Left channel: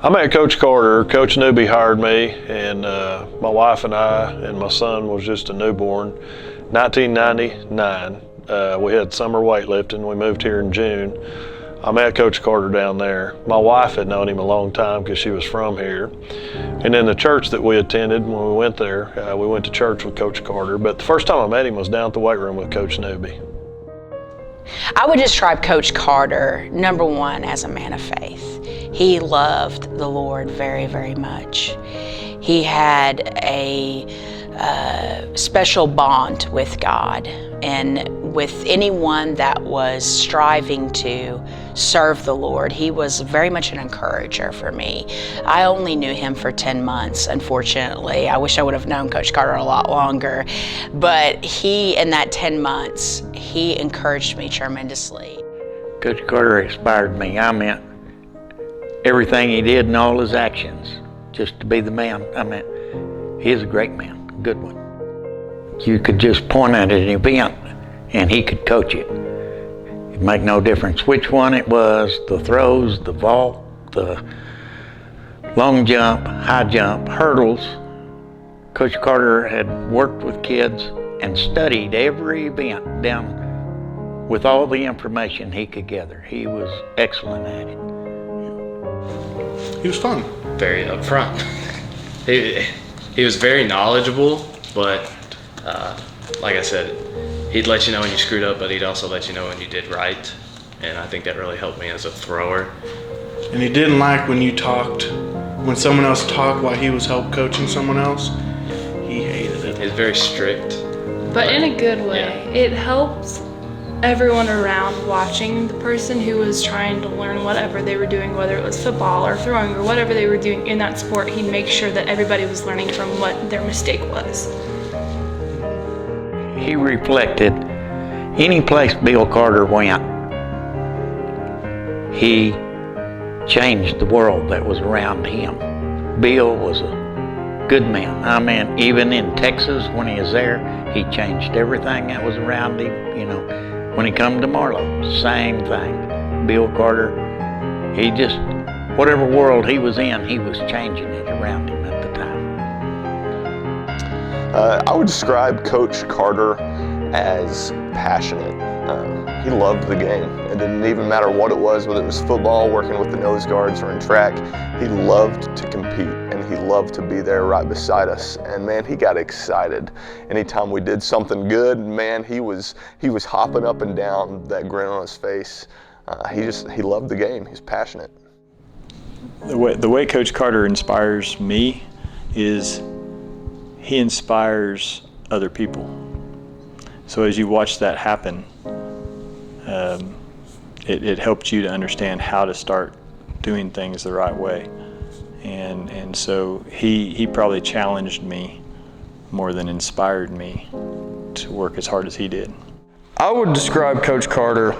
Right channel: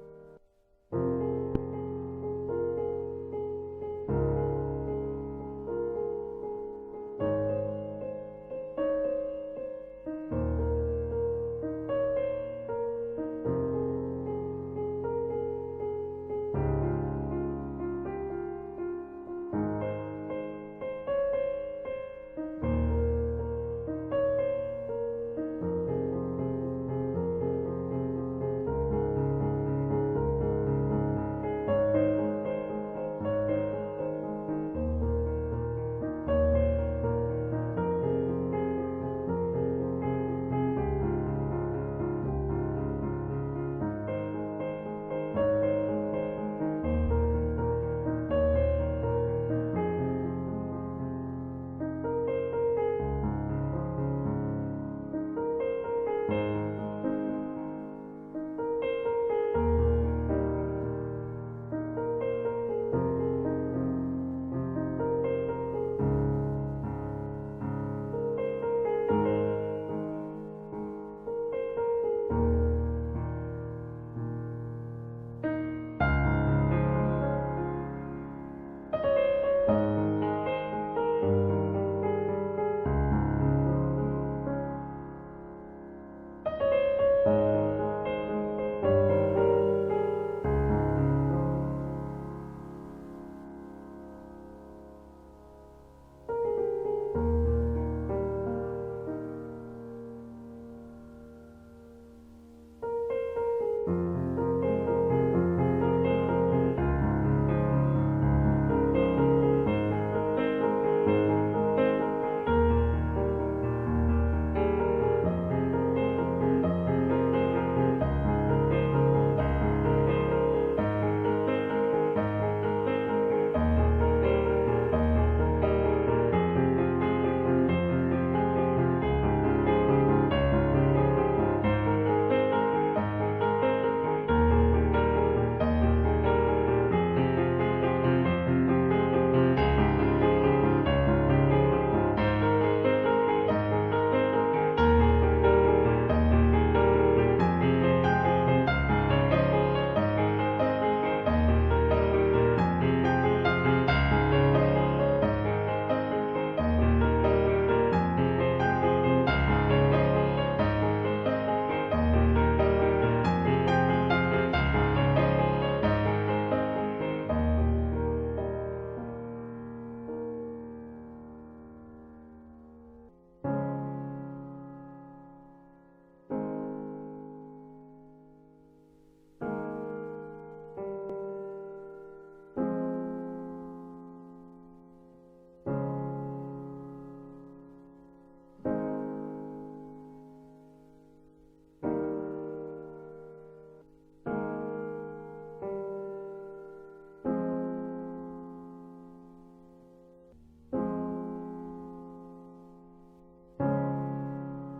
I met Coach Carter. Coach Newby hired me, and my wife and I and my son was just a newborn. 1999, we had summer weightlifting. We moved here in June. I met Coach Carter down there. My wife had known him a long time because she was from here. And in the church that we attended when we went there, we went to church with Coach Carter. But the first time I met him was down at the weight room with Coach Newby. I would describe Coach Carter, number one, as a man of faith. He loved the Lord very, very much. He had a special bond with God, and with anyone that was striving to serve the Lord, he was very much an encourager for me. I only knew him for 10 months, unfortunately. I wish I would have known Coach Carter a lot longer. But he, in that 10 months, he encouraged me tremendously. Coach Carter inspired me. I meant everything he did and all his actions, just to be the man. I mean, he is a great man, a good one. You could just point at an event and he could coach it. It'd make no difference which one it was, the throws, the vault, the long jump, high jump, hurdles. Coach Carter had worked with kids and studied every event down with all the information he could gather. He was excellent at it. He was fun. Very upfront. He was very knowledgeable, but like I said, he'd let you know when you screwed up, but he'd also let you know when you did right. And I think that really helped me as a thrower. And he didn't like when you talked, when someone else talked while he was help coaching someone else. He hated it. He's very strict. But in a good way. Yeah. It helps everyone around watching the person who was trying to learn whatever they were doing, whether it was football or throwing or whatever they were doing in that sport. He'd make sure that everybody was learning from what their mistake was. He reflected any place Bill Carter went. He changed the world that was around him. Bill was a good man. I mean, even in Texas when he was there, he changed everything that was around him. You know, when he come to Marlow, same thing. Bill Carter, he just, whatever world he was in, he was changing it around him at the time. I would describe Coach Carter as passionate. He loved the game. It didn't even matter what it was, whether it was football, working with the nose guards, or in track. He loved to compete, and he loved to be there right beside us. And man, he got excited. Anytime we did something good, man, he was hopping up and down, that grin on his face. He loved the game. He's passionate. The way Coach Carter inspires me is he inspires other people. So as you watch that happen, it helped you to understand how to start doing things the right way. And so he probably challenged me more than inspired me to work as hard as he did. I would describe Coach Carter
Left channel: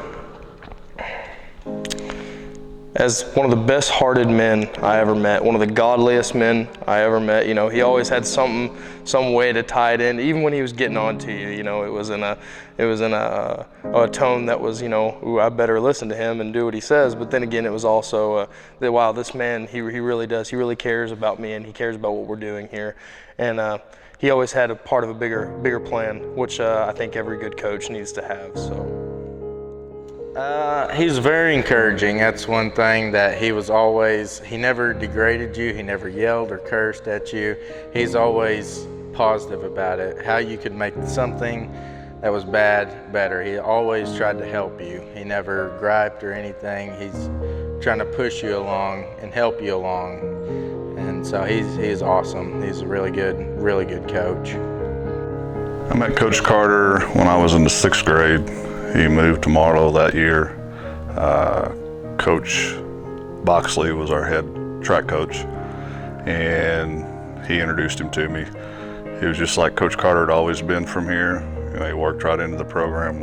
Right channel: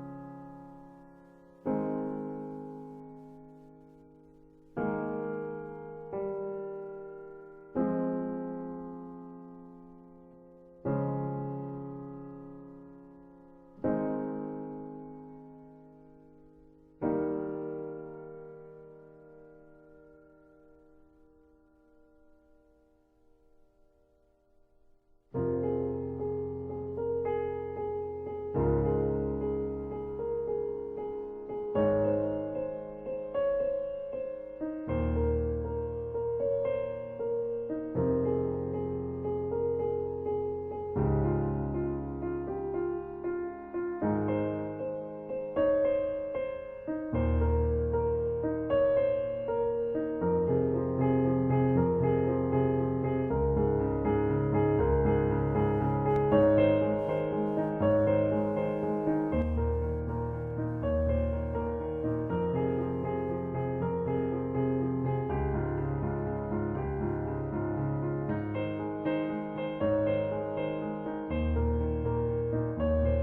as one of the best-hearted men I ever met, one of the godliest men I ever met. You know, he always had some way to tie it in, even when he was getting on to you. You know, it was in a tone that was, you know, ooh, I better listen to him and do what he says. But then again, it was also that, wow, this man, he really does. He really cares about me, and he cares about what we're doing here. And he always had a part of a bigger plan, which I think every good coach needs to have. So. He's very encouraging. That's one thing that he never degraded you, he never yelled or cursed at you. He's always positive about it, how you could make something that was bad better. He always tried to help you. He never griped or anything. He's trying to push you along and help you along. And so he's awesome. He's a really good coach. I met Coach Carter when I was in the 6th grade. He moved to Marlow that year. Coach Boxley was our head track coach, and he introduced him to me. He was just like Coach Carter had always been from here. You know, he worked right into the program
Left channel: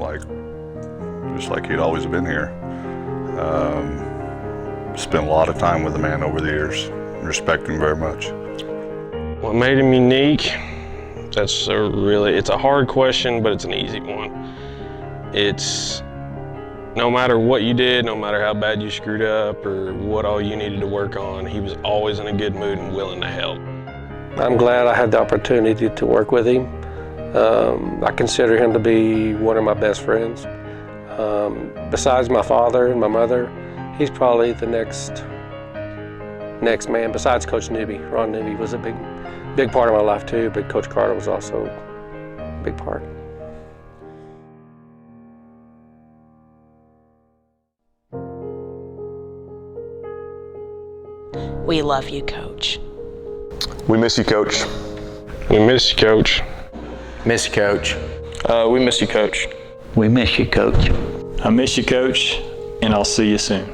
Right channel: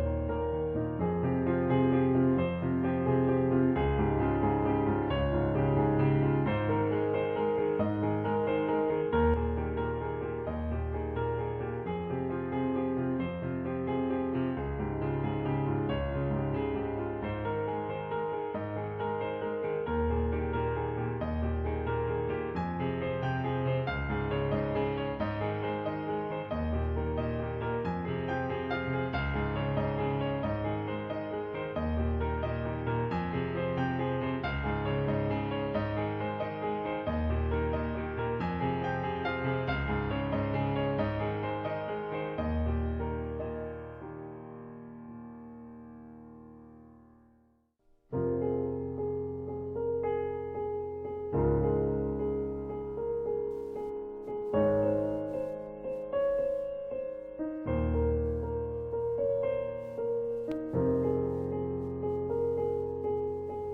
just like he'd always been here. Spent a lot of time with the man over the years. Respect him very much. What made him unique? It's a hard question, but it's an easy one. It's No matter what you did, no matter how bad you screwed up or what all you needed to work on, he was always in a good mood and willing to help. I'm glad I had the opportunity to work with him. I consider him to be one of my best friends. Besides my father and my mother, he's probably the next man, besides Coach Newby. Ron Newby was a big part of my life too, but Coach Carter was also a big part. We love you, Coach. We miss you, Coach. We miss you, Coach. Miss you, Coach. We miss you, Coach. We miss you, Coach. I miss you, Coach, and I'll see you soon.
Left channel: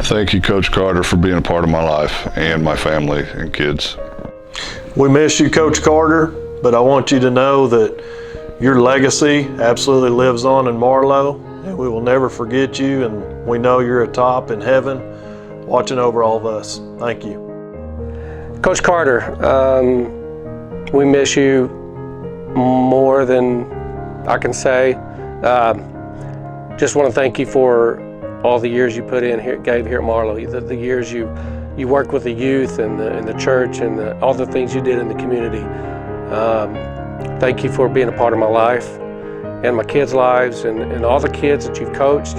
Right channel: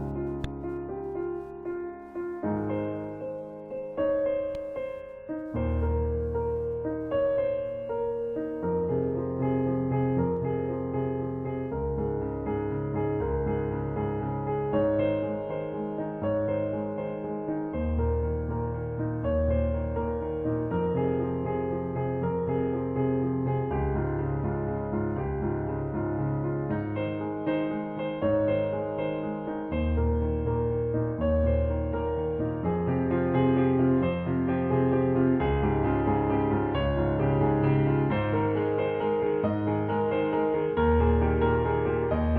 Thank you, Coach Carter, for being a part of my life and my family and kids. We miss you, Coach Carter, but I want you to know that your legacy absolutely lives on in Marlow, and we will never forget you, and we know you're atop in heaven watching over all of us. Thank you. Coach Carter, we miss you more than I can say. Just want to thank you for all the years you put in here, gave here at Marlow, the years you worked with the youth and the church and all the things you did in the community. Thank you for being a part of my life and my kids' lives and all the kids that you've coached.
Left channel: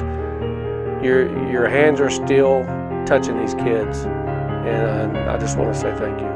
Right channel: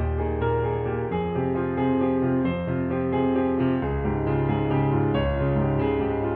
Your hands are still touching these kids, and I just want to say thank you.